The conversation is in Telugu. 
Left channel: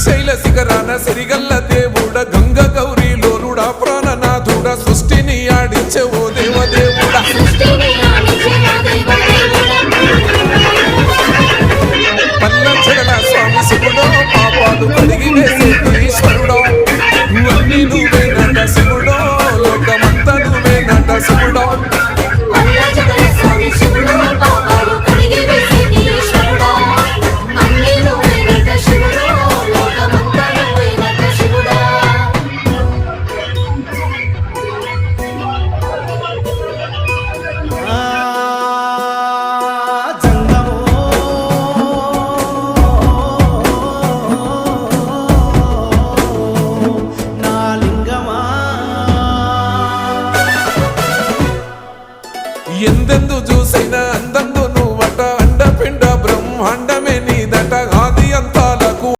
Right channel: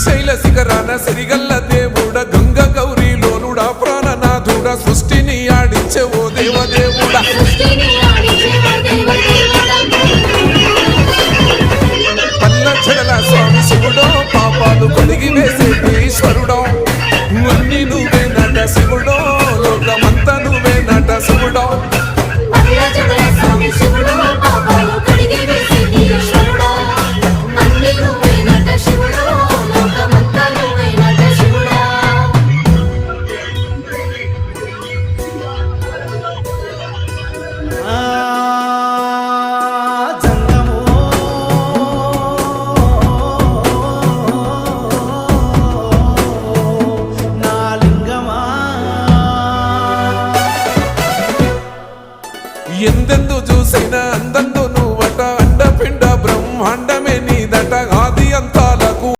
శ్రీశైల శిఖరాన సిరిగల్ల దేవుడ గంగ గౌరీ లోలుడా ప్రాణనాథుడ సృష్టిని ఆడించే ఓ దేవదేవుడా పల్ల జగల స్వామి శివుడో పాపాలు కడిగి వేసేటి ఈశ్వరుడో అన్ని నువ్వే నట శివుడో లోకమంతా నువ్వే నట శివుడో ఎందెందు చూసిన అందం